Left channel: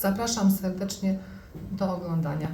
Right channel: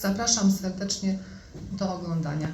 Zapraszam serdecznie do oglądania.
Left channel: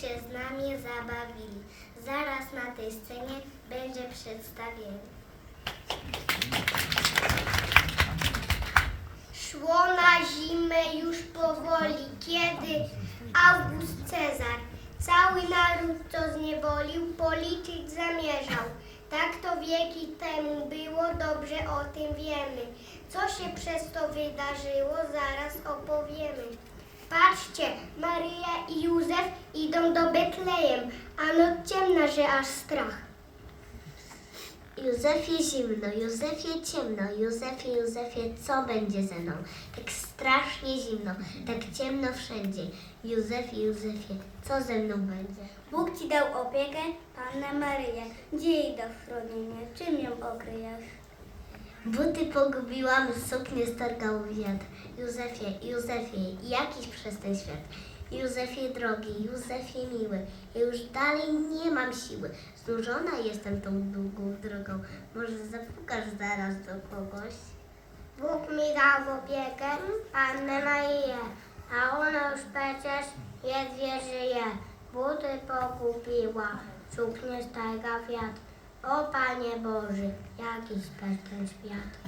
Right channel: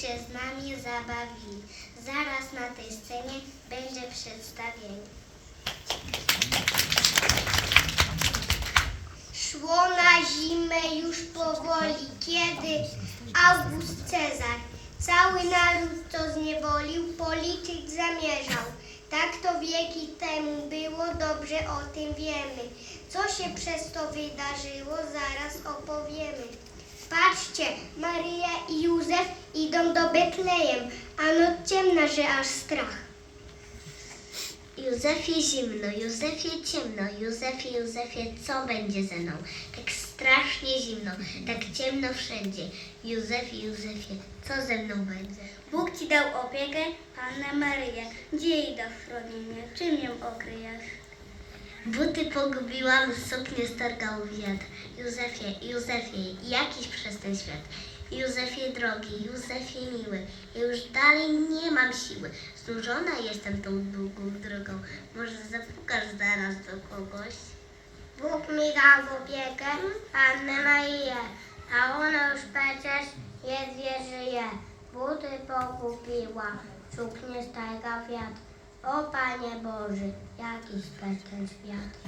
Się z nami zabawili. Zaraz na tej scenie będzie przedstawienie. Szło na zimę już powoli, kiedy August Cezar cały naród, co zniewolił, policzyć zamierzał. Tak to wieki temu było, dobrze o tym wiemy. Co się przez to wydarzyło, zaraz opowiemy. Patrzcie, Maryja i Józef idą do Betlejem, a noc ciemna, że aż strach. Józefie zimno, Józefie ciemno, Józefie, Józefie, co będzie ze mną? Tak strasznie zimno, tak ciemno wszędzie. Józefie, Józefie, co ze mną będzie? Bóg ci dał opiekę, Pannę Maryję. Gdzie jej do chronienia? Czym ją okryjesz? Buty pogubiłam, suknię stargał wiatr. Józefie, Józefie, jakiś przez ten świat. Józefie drogi, Józefie miły, ja już dalej nie mam siły. Znużona jestem tą długą drogą. Może zapukasz zaraz do kogoś? Bóg mi dał opiekę Pannę Marię, a ona już przecież ledwie żyje. Buty pogubiła, suknię starga wiatr. O Panie Boży, jakiś ten świat.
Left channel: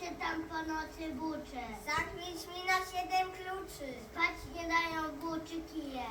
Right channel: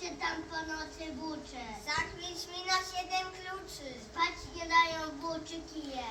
Się tam po nocy bucze? Zakryć mi na siedem kluczy. Spać nie dają buczy kije.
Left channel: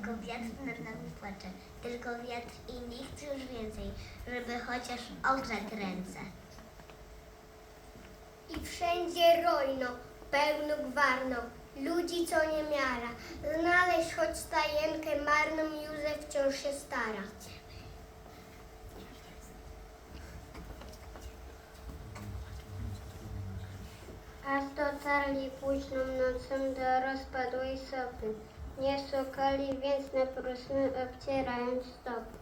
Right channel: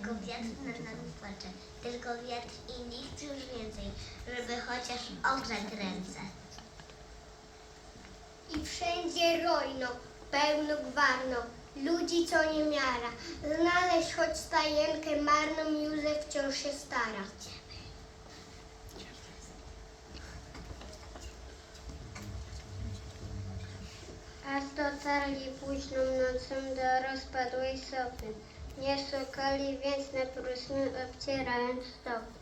Tylko wiatr nad nami płacze. Tylko wiatr i nikt już więcej, żeby chociaż ogrzać ręce. I wszędzie rojno, pełno gwarno, ludzi co nie miara. Znaleźć choć stajenkę marną Józef wciąż się stara. Aż dotarli późną nocą do rozpadłej sopy. Nie szukali więc na próżny obcierając stopy.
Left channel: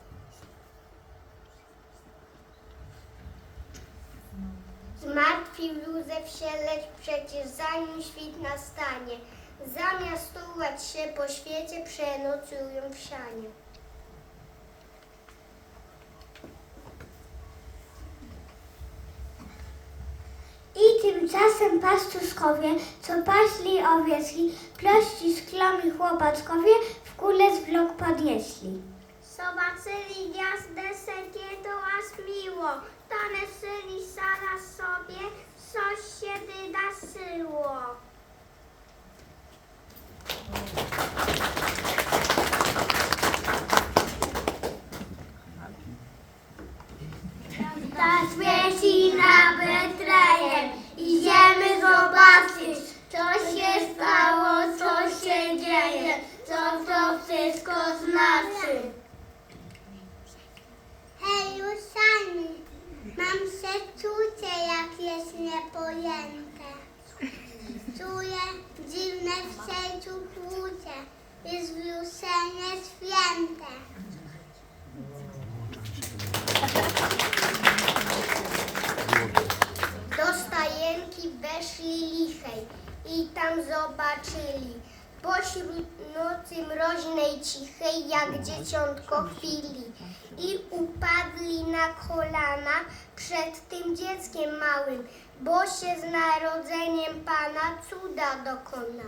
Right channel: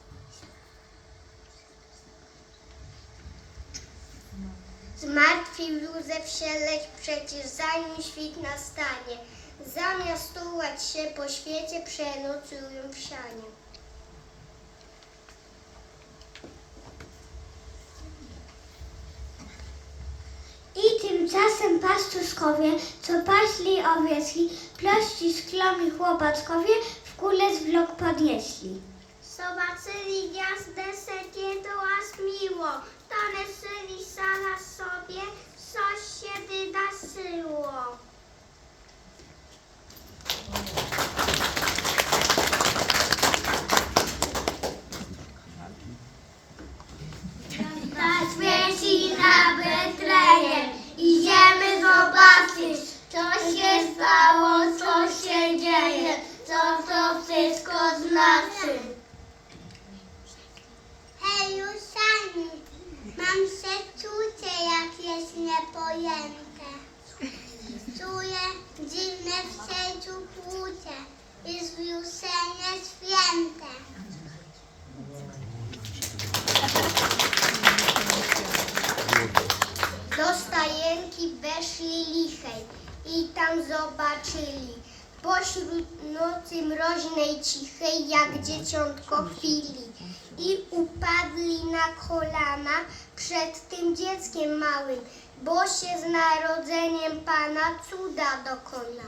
Zmartwił Józef się, lecz przecież zanim świt nastanie, zamiast tułać się po świecie, przenocują w sianie. I tymczasem pastuszkowie, co paśli owieczki, plości szklomi chłopackowie w kule zwlok podnieśli. Zobaczyli gwiazdę sekiego aż miło, taneszyli sana sobie, coś się wydarzyło. Ta świeci na Betlejem, idziemy zobaczyć, co się stało, co się dzieje, co to wszystko znaczy. Hej, Usani, mam przeczucie, jak jest niepojęte. Czuję dziwne w sercu kłucie i zwiuszenie święte. Do stajenki weszli lichej i tam zobaczyli pośród nocy mroźnej cichej jak dzieciątko chwili i upadli na kolana przed tym dzieckiem małym, bo się z narodzeniem Pana cuda dokona.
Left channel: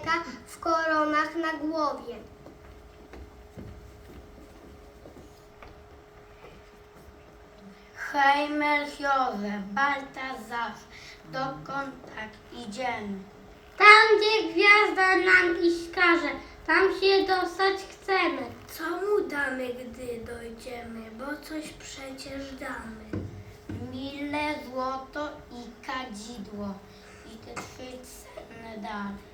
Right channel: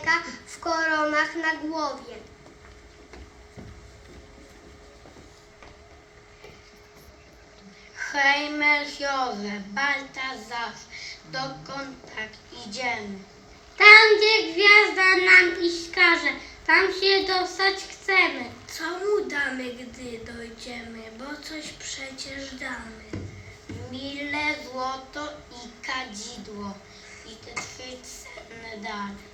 człowieka w koronach na głowie. Hejmer Józef, Baltazar, dokąd tak idziemy? Tam, gdzie gwiazda nam iść każe, tam się dostać chcemy. Co mu damy, gdy dojdziemy, bo coś przecież damy. Mile, złoto i kadzidło i te trzy cenne dary.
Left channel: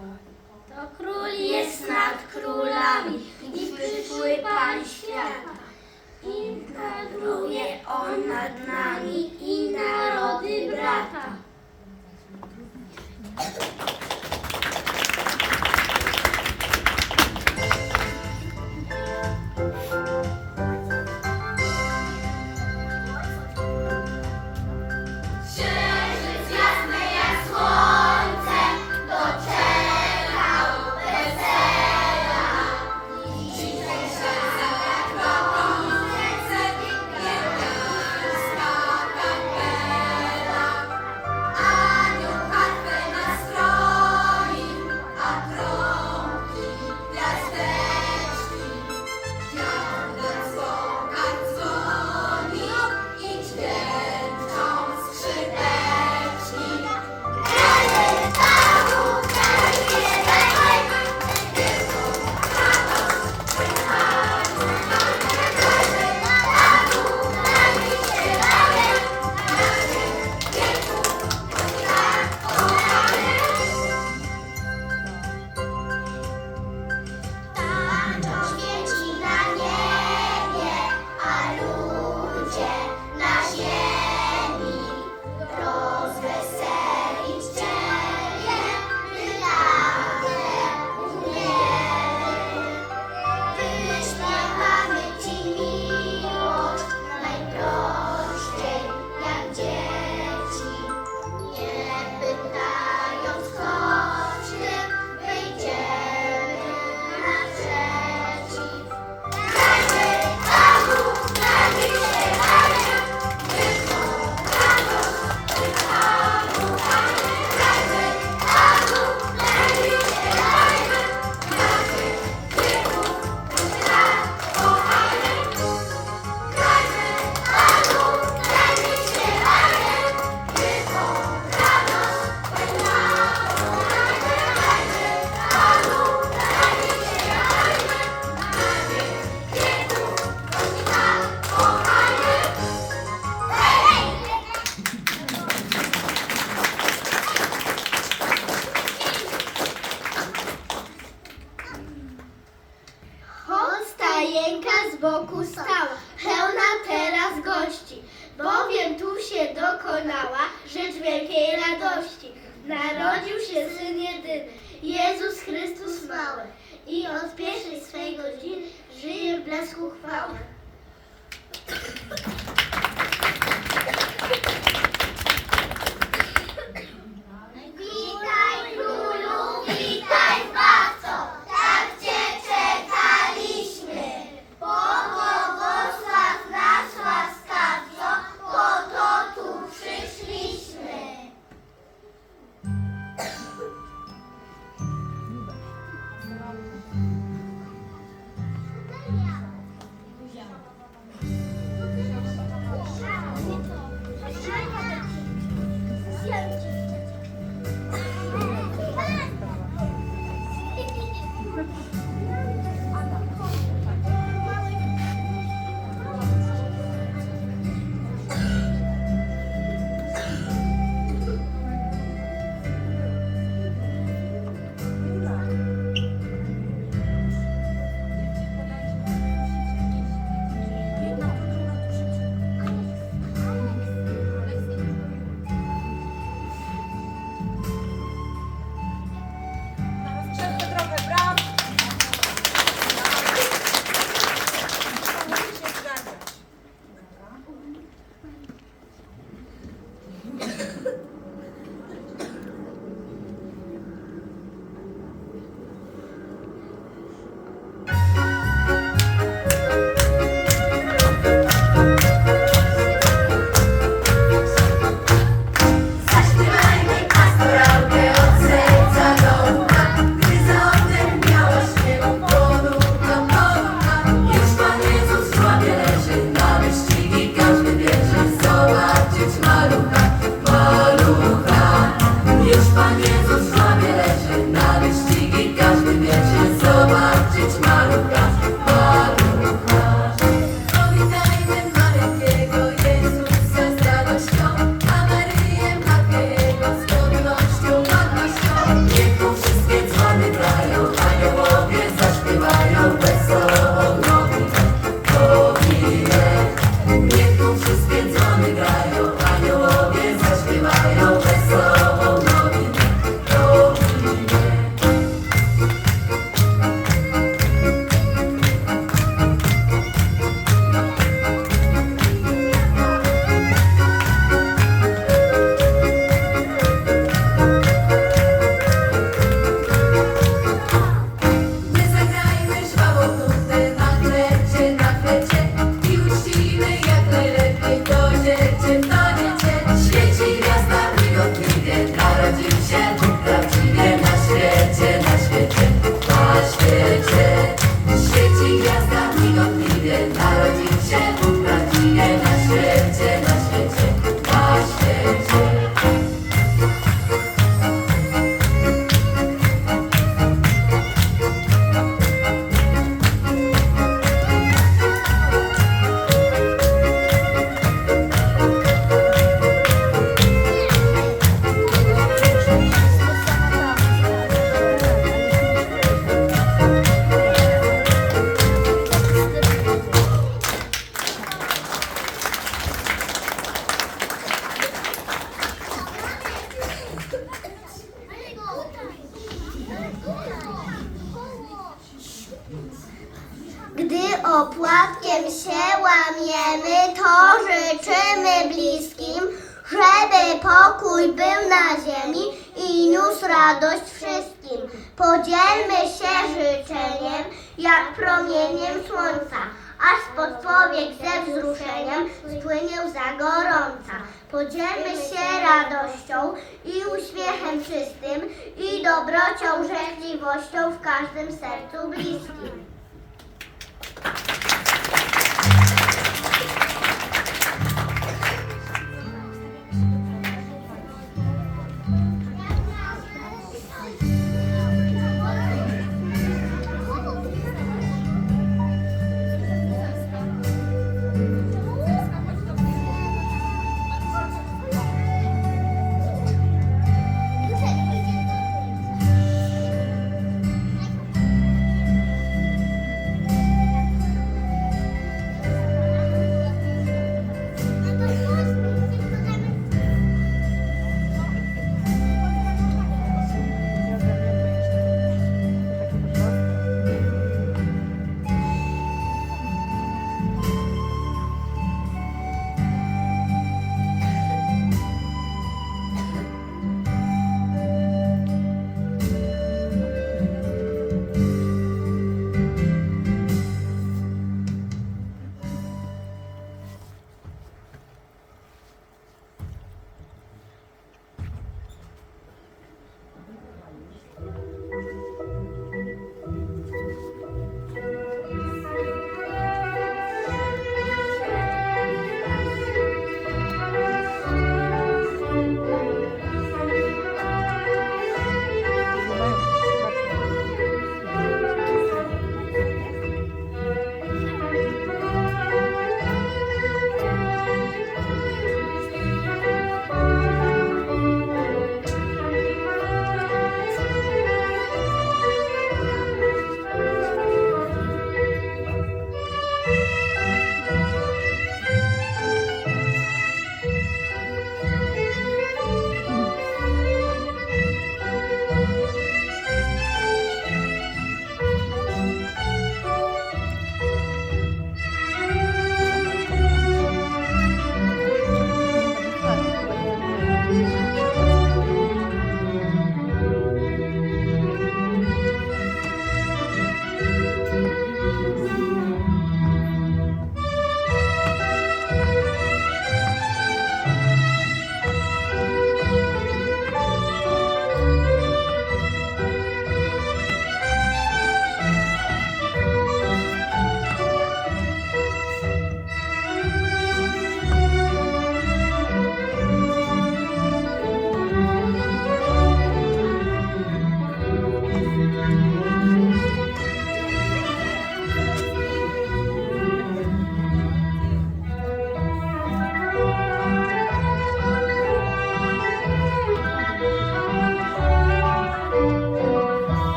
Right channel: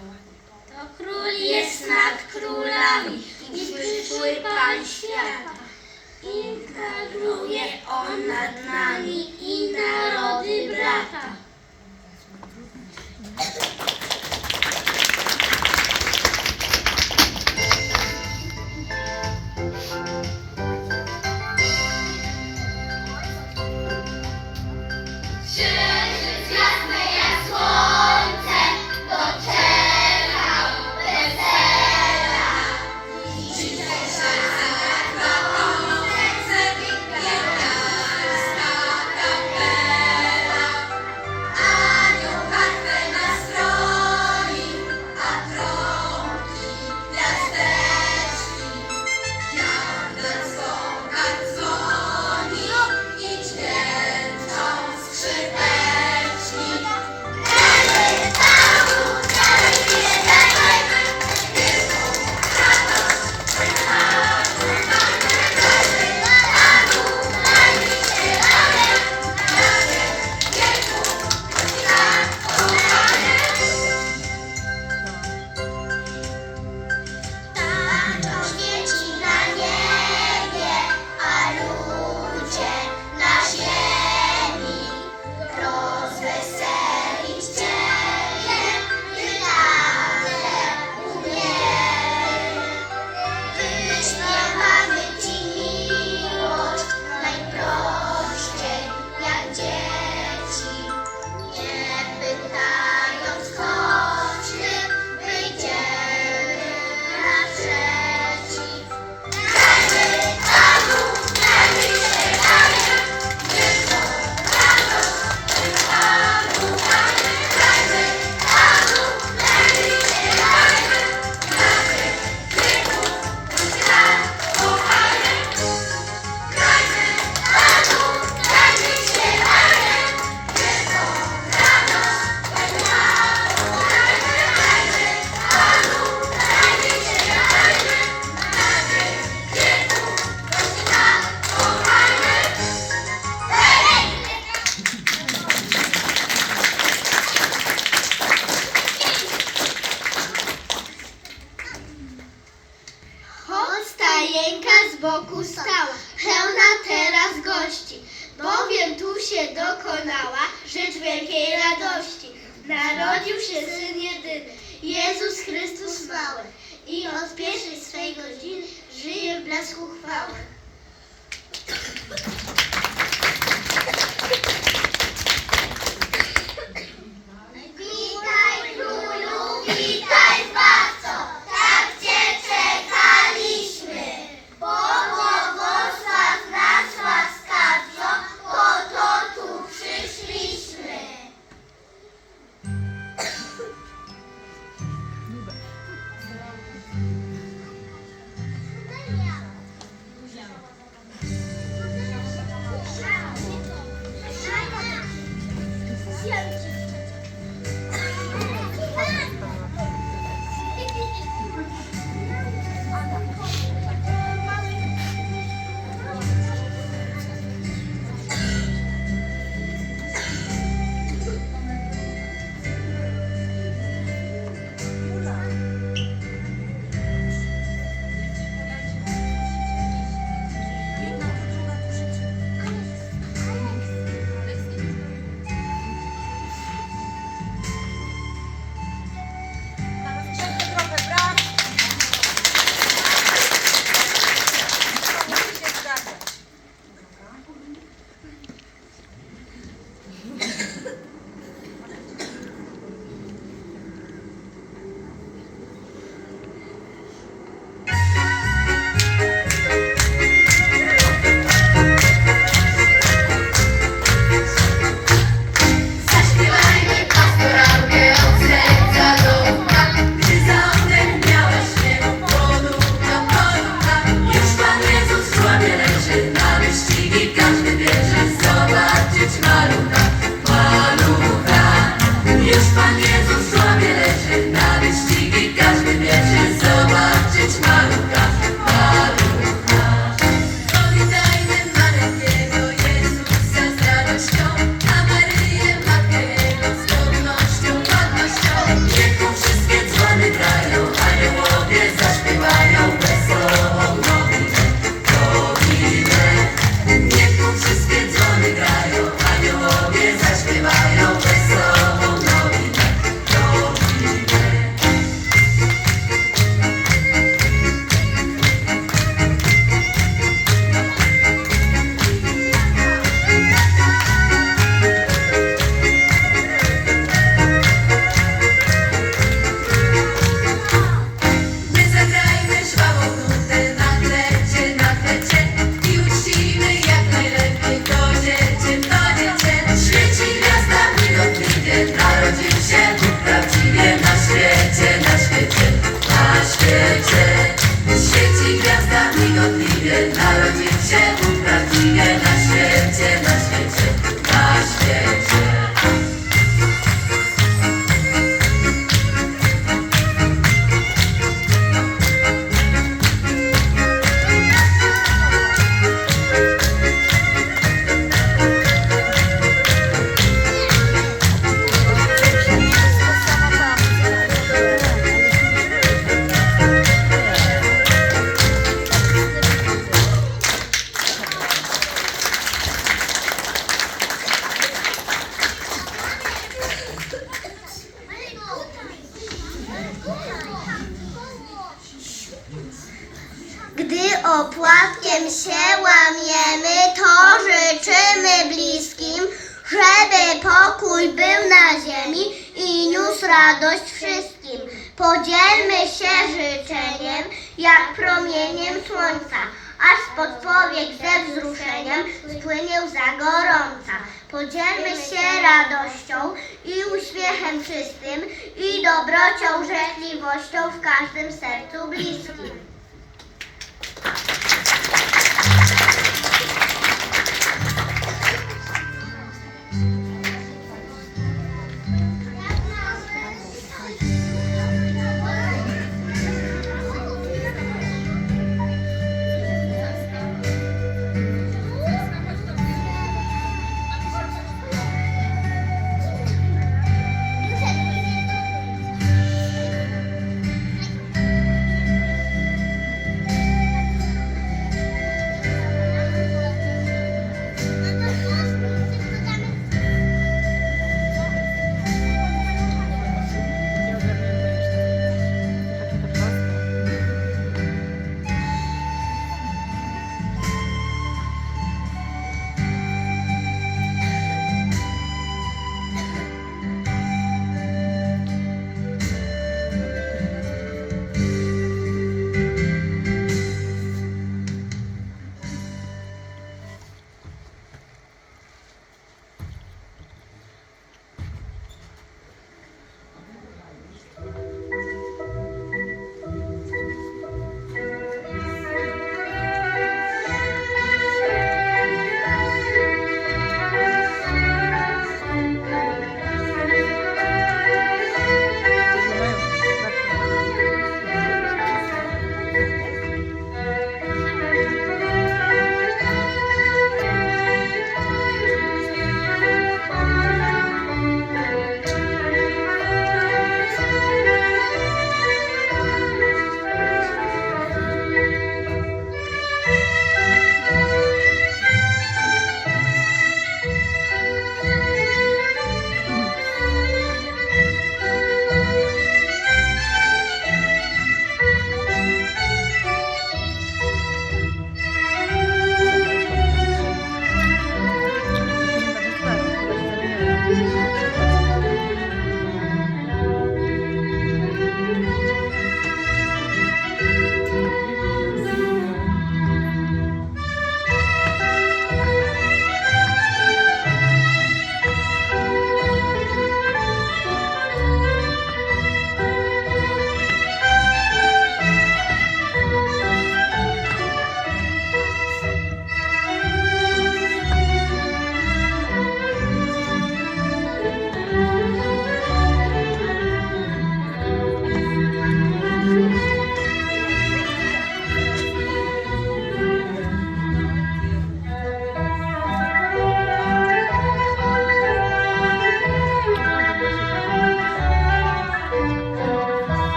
To król jest nad królami i przyszły Pan świata. I króluje On nad nami i narody brata.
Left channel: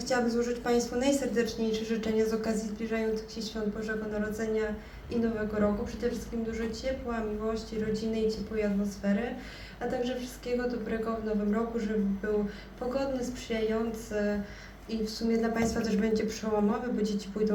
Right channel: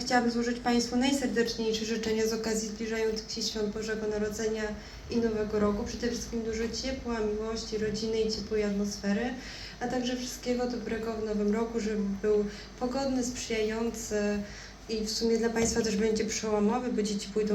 Chciałabym złożyć Państwu najserdeczniejsze życzenia z okazji zbliżających się świąt Bożego Narodzenia i Nowego Roku. Przede wszystkim dużo ciepła, miłości, rodziny i ciepłej atmosfery, a także wszystkiego dobrego w Nowym Roku, żeby był pogodny, sprzyjający i w sumie dla Państwa też będzie przełomowy, bo dzieci pójdą